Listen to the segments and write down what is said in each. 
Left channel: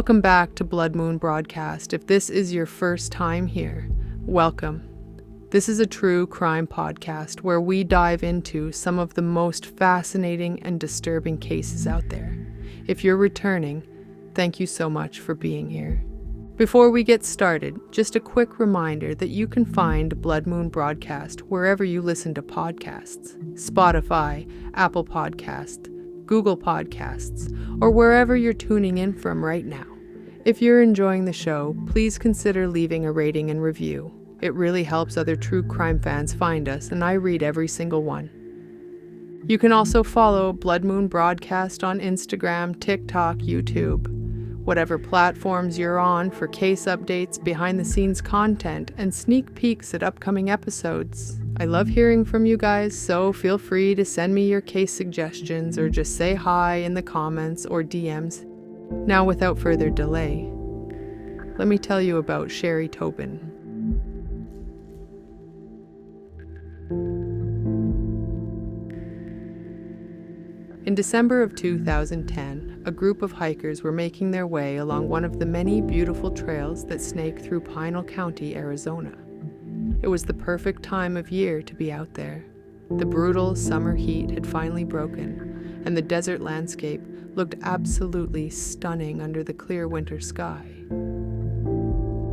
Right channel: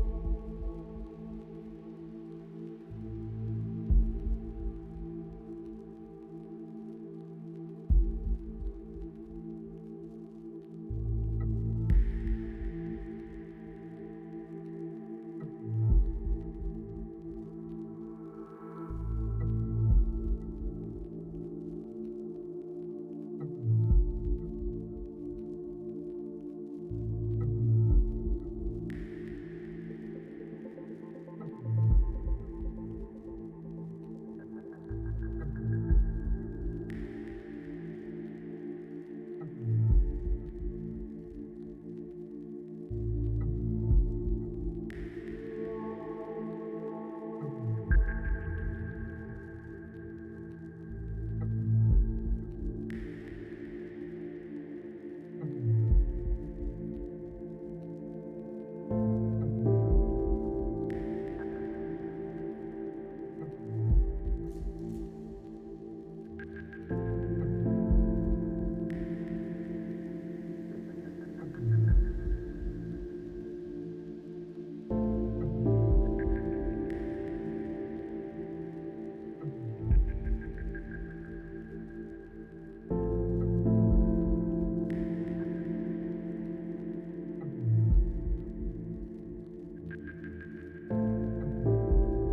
Welcome back to Blood Moon Broadcast. If this is your first time here, welcome. This is a true crime podcast where we dive into some of the most fascinating and disturbing cases out there. If you're returning, thank you so much for being here. Before we get started, just a quick reminder that you can find Blood Moon Broadcast wherever you listen to podcasts: Spotify, Apple Podcasts, Google Podcasts, or wherever you're tuning in from right now. If you're enjoying the show, please consider leaving a rating and review. It really helps other true crime fans find us, and I read every single one. You can also follow Blood Moon Broadcast on Instagram, TikTok, YouTube, whatever platforms you're on, for case updates, behind-the-scenes content, and sneak peeks at upcoming episodes. I love hearing from you guys, so feel free to send me your case suggestions or just say hi in the comments or DMs. Now, without further delay, let me tell you about Shari Tobyne. In December of 2010, a group of hikers were making their way along one of the many beautiful trails that snake through Pinal County, Arizona. It was the perfect time of year to be out there. The brutal summer heat had finally broken, and the desert landscape looked absolutely stunning under the clear winter sky.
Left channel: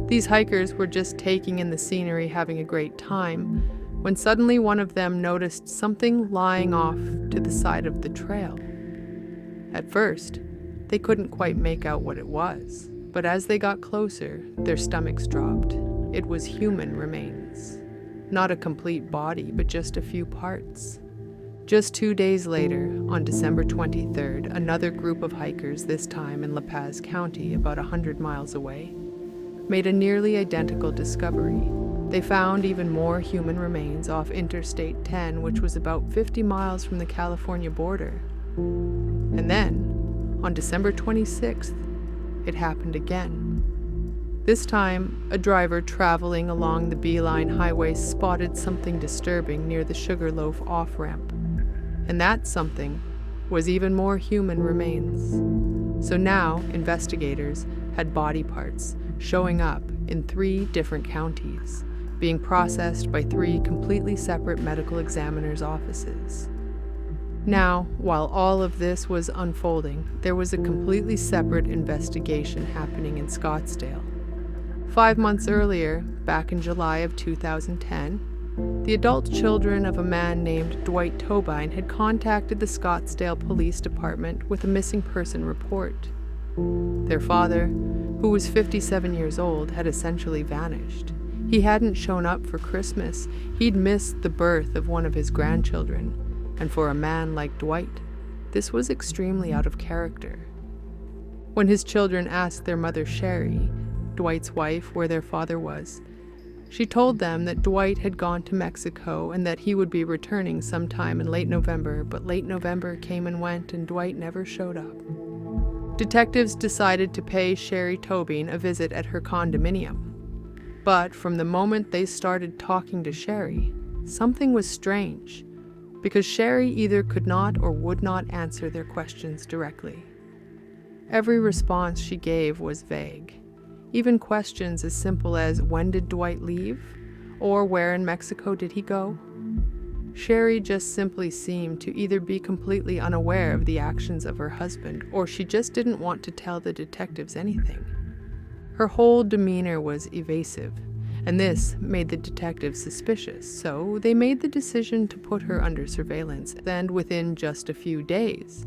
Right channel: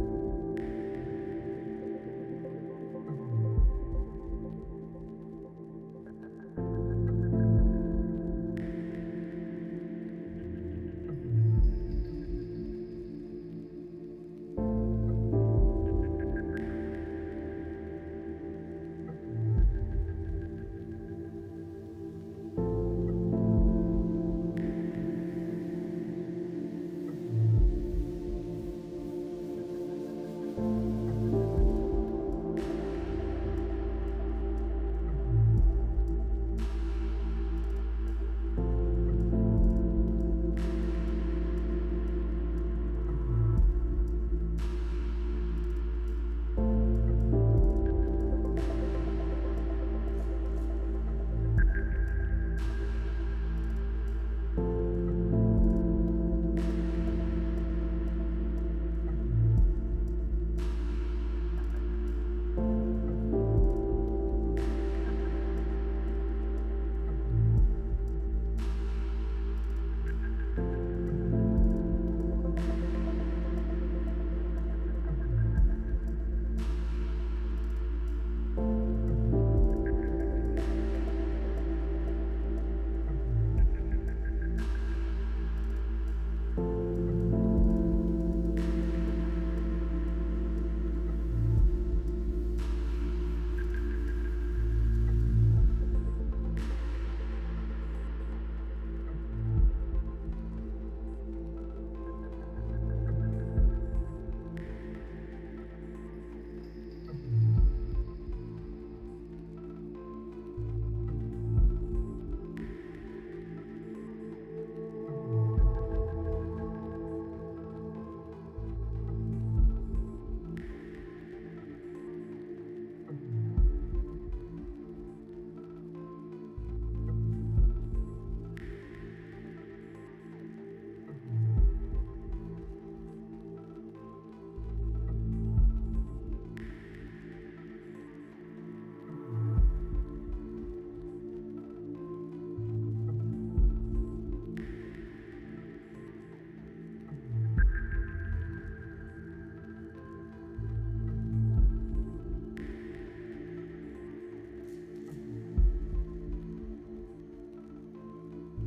These hikers were just taking in the scenery, having a great time, when suddenly one of them noticed something lying off to the side of the trail. At first, they couldn't quite make out what it was, but as they got closer, their stomachs dropped. It was human remains. Not a complete body, but just a few parts. Just 2 days later, on December 23rd, another group of hikers, this time in La Paz County, about 100 miles away, made a nearly identical discovery. They found even more human remains off Interstate 10, which was about 50 miles from the California border. And then, on December 26th, it happened again. This time, a driver traveling along the Beeline Highway spotted something disturbing near the Sugarloaf off-ramp. And that something was even more human remains. So now, investigators had body parts showing up in 3 different counties, being processed by 3 completely separate medical examiners' offices. Now, while all of this was unfolding, there was a completely separate investigation happening in Scottsdale. 5 months earlier, back in July of 2010, the adult children of a man named Dwight Tobyne had contacted the Scottsdale Police Department with a missing person report. Their father, who was 57 years old, had essentially vanished. He hadn't shown up for Christmas. He'd missed the birth of one of his grandchildren. And for a man like Dwight, this was extremely out of character. When his children asked their mother Shari, Dwight's wife, where their father was, she told them that Dwight had gone to Mexico and that he would be returning sometime in late November, but late November came and went and Dwight never showed up. Detectives decided to pay Shari Tobyne a visit at her condominium. But from the moment they started talking to Shari, something was strange, because Shari either could not or would not answer their questions directly. Every response she gave was vague. Even questions as simple as, when did Dwight leave? Or where in Mexico did he go? Shari just simply seemed to either be completely unaware of the actions of her husband, or she just didn't want to tell the detectives anything. Her whole demeanor was evasive, and this made the detectives suspicious, so they made the decision to put her under surveillance, and within just a few days,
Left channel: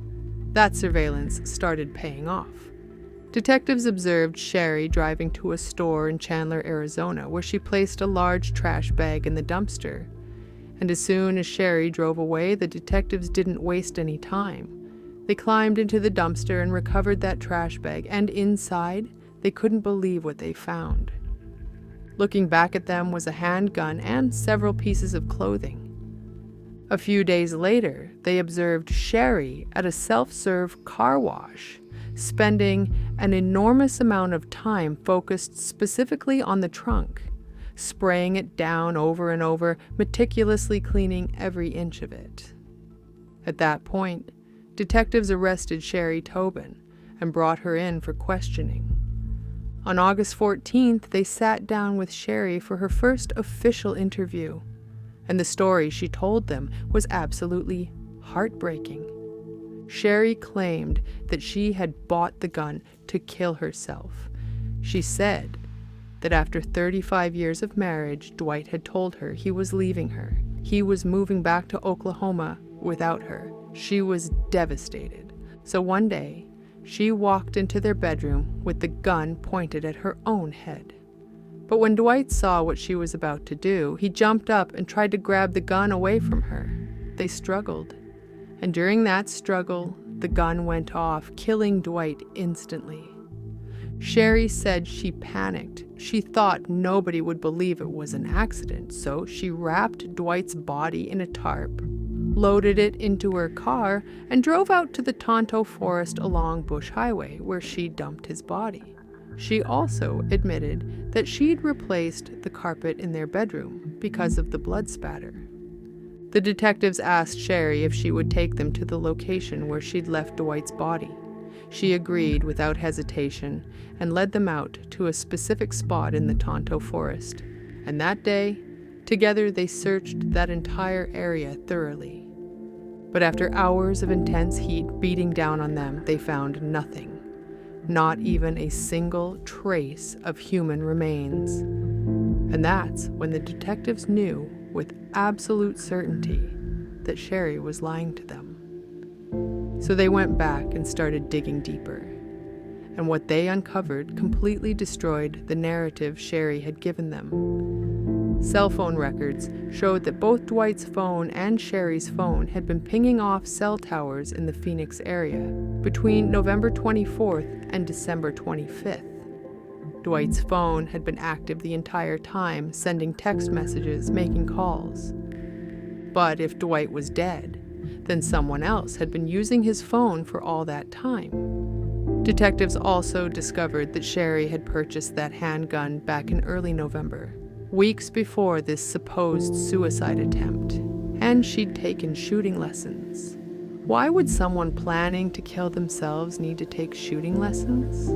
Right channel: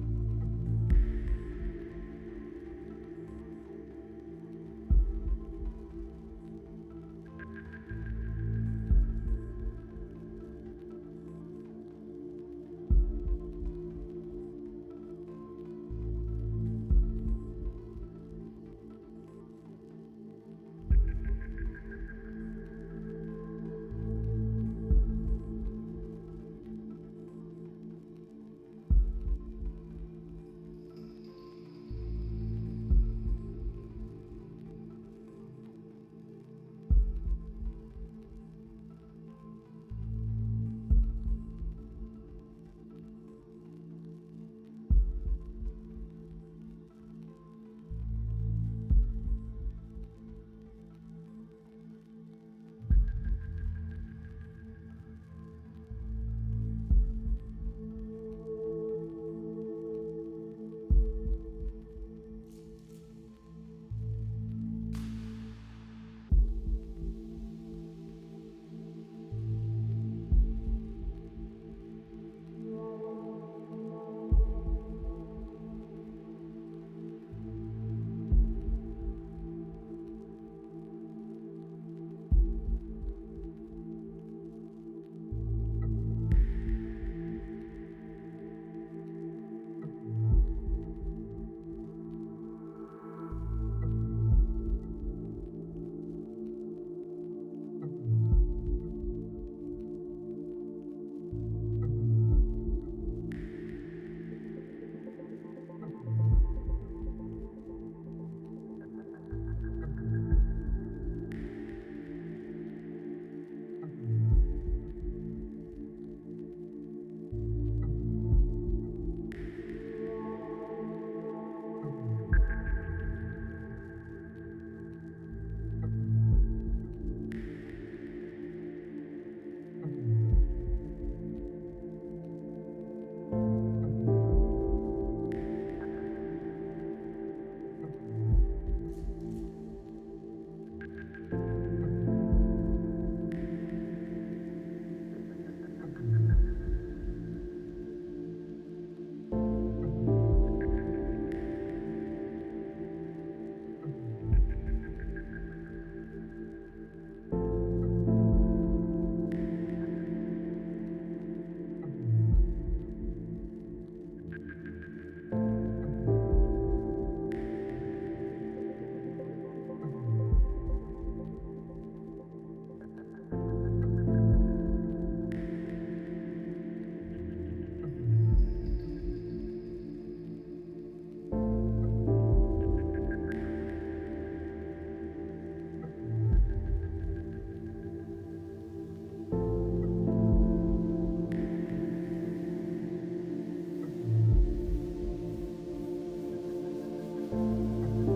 that surveillance started paying off. Detectives observed Shari driving to a store in Chandler, Arizona, where she placed a large trash bag in the dumpster. And as soon as Shari drove away, the detectives didn't waste any time. They climbed into the dumpster and recovered that trash bag, and inside, they couldn't believe what they found. Looking back at them was a handgun and several pieces of clothing. A few days later, they observed Shari at a self-serve car wash, spending an enormous amount of time focused specifically on the trunk, spraying it down over and over, meticulously cleaning every inch of it. At that point, detectives arrested Shari Tobyne, and brought her in for questioning. On August 14th, they sat down with Shari for her first official interview, and the story she told them was absolutely heartbreaking. Shari claimed that she had bought the gun to kill herself. She said that after 35 years of marriage, Dwight had told her he was leaving her. He was moving back to Oklahoma without her. She was devastated. So one day, she walked into their bedroom with the gun pointed at her own head. But when Dwight saw what she was about to do, he jumped up and tried to grab the gun away from her. They struggled. And during that struggle, the gun went off, killing Dwight instantly. Shari said she panicked. She thought nobody would believe it was an accident, so she wrapped Dwight's body in a tarp, loaded it into her car, and drove out to the Tonto Forest along Bush Highway, where she dumped his body. She also admitted that she'd replaced the carpet in their bedroom because of the blood spatter. The detectives asked Shari if she would take them to the location where she'd left Dwight's body. She agreed without hesitation and led them out to a specific spot in the Tonto Forest. And that day, together they searched that entire area thoroughly. But after hours of intense heat beating down on them, they found nothing. Not even a single trace of human remains. And that's when the detectives knew with absolute certainty that Shari was lying to them. So they went back and started digging deeper. And what they uncovered completely destroyed the narrative Shari had given them. Cell phone records showed that both Dwight's phone and Shari's phone had been pinging off cell towers in the Phoenix area between November 24th and December 25th. Dwight's phone had been active the entire time, sending text messages, making calls. But if Dwight was dead, then someone else had been using his phone for all that time. Detectives also discovered that Shari had purchased that handgun back in early November, weeks before this supposed suicide attempt, and she'd taken shooting lessons. Why would someone planning to kill themselves need to take shooting lessons?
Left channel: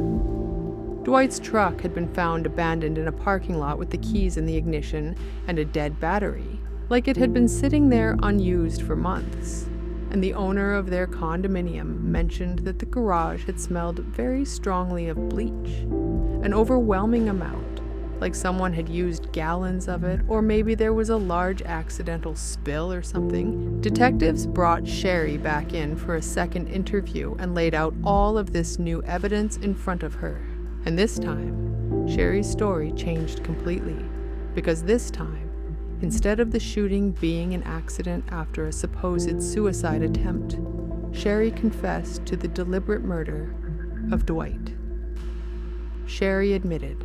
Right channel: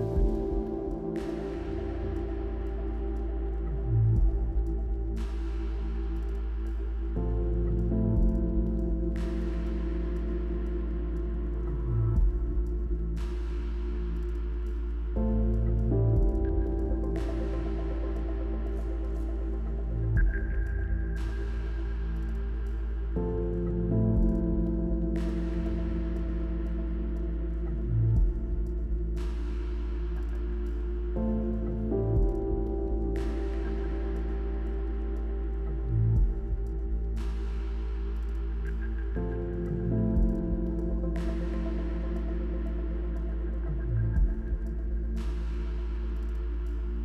Dwight's truck had been found abandoned in a parking lot with the keys in the ignition and a dead battery, like it had been sitting there unused for months. And the owner of their condominium mentioned that the garage had smelled very strongly of bleach, an overwhelming amount, like someone had used gallons of it, or maybe there was a large accidental spill or something. Detectives brought Shari back in for a second interview and laid out all of this new evidence in front of her. And this time, Shari's story changed completely, because this time, instead of the shooting being an accident after a supposed suicide attempt, Shari confessed to the deliberate murder of Dwight. Shari admitted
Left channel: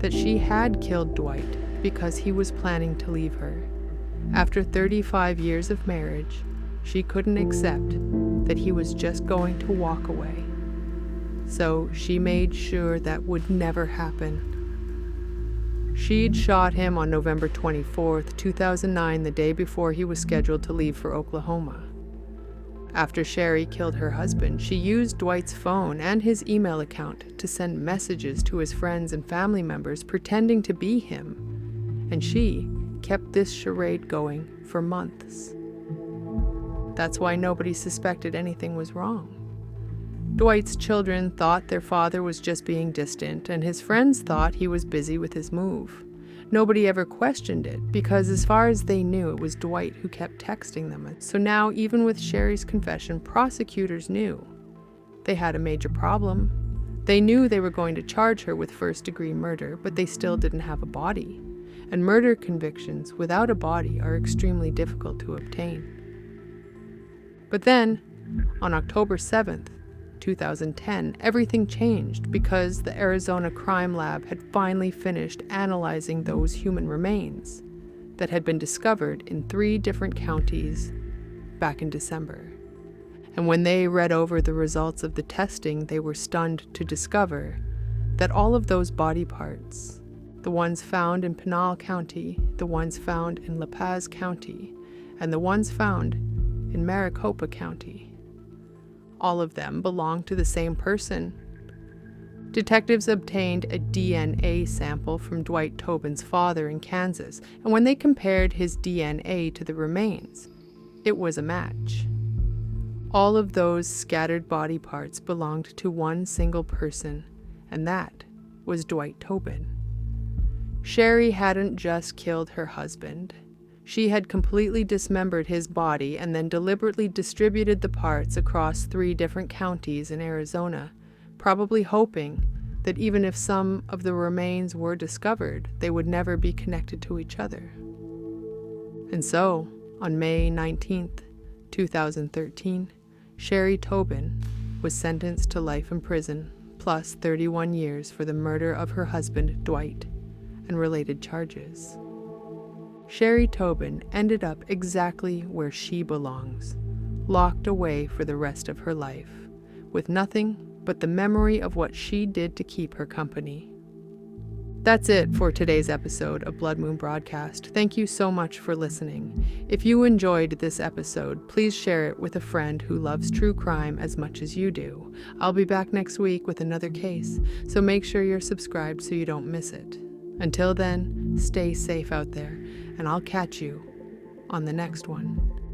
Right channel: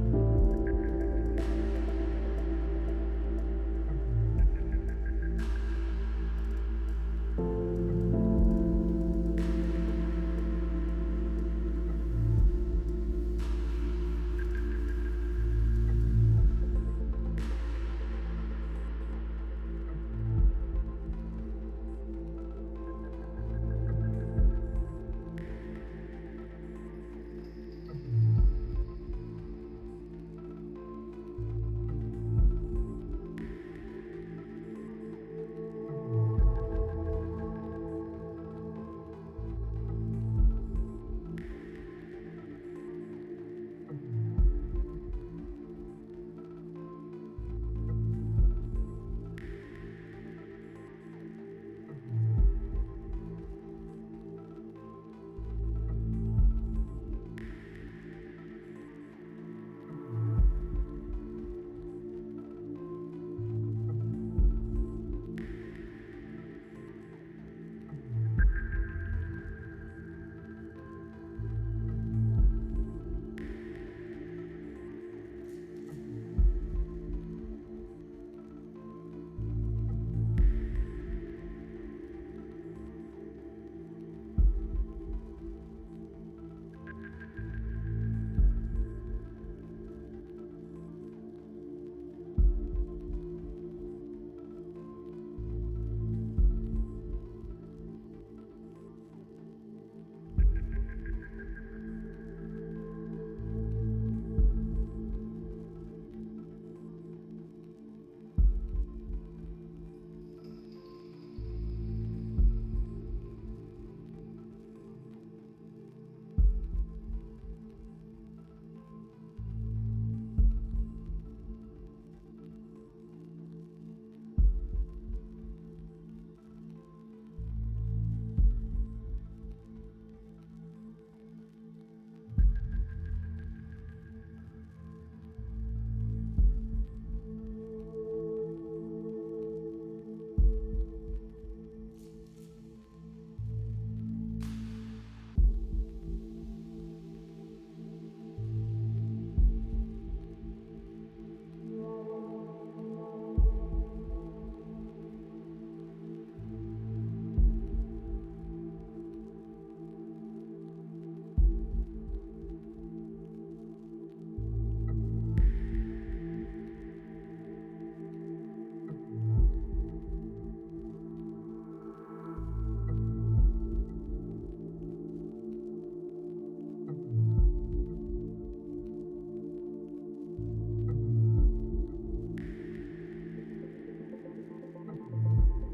that she had killed Dwight because he was planning to leave her. After 35 years of marriage, she couldn't accept that he was just going to walk away. So she made sure that would never happen. She'd shot him on November 24th, 2009, the day before he was scheduled to leave for Oklahoma. After Shari killed her husband, she used Dwight's phone and his email account to send messages to his friends and family members pretending to be him, and she kept this charade going for months. That's why nobody suspected anything was wrong. Dwight's children thought their father was just being distant, and his friends thought he was busy with his move. Nobody ever questioned it, because as far as they knew, it was Dwight who kept texting them. So now, even with Shari's confession, prosecutors knew they had a major problem. They knew they were going to charge her with first-degree murder, but they still didn't have a body. And murder convictions without a body are extremely difficult to obtain. But then, on October 7th, 2010, everything changed because the Arizona Crime Lab had finally finished analyzing those human remains that had been discovered in 3 different counties back in December. And when they read over the results of the testing, they were stunned to discover that all of those body parts, the ones found in Pinal County, the ones found in La Paz County, and the ones found in Maricopa County, All of them belonged to the same person. Detectives obtained a DNA sample from Dwight Tobyne's father in Kansas, and when they compared his DNA to the remains, it was a match. All of those scattered body parts belonged to one single person, and that was Dwight Tobyne. Shari hadn't just killed her husband. She had completely dismembered his body and then deliberately distributed the parts across 3 different counties in Arizona, probably hoping that even if some of the remains were discovered, they would never be connected to each other. And so, on May 19th, 2013, Shari Tobyne was sentenced to life in prison, plus 31 years for the murder of her husband, Dwight, and related charges. Shari Tobyne ended up exactly where she belongs, locked away for the rest of her life, with nothing but the memory of what she did to keep her company. That's it for today's episode of Blood Moon Broadcast. Thank you so much for listening. If you enjoyed this episode, please share it with a friend who loves true crime as much as you do. I'll be back next week with another case, so make sure you're subscribed so you don't miss it. Until then, stay safe out there, and I'll catch you on the next one.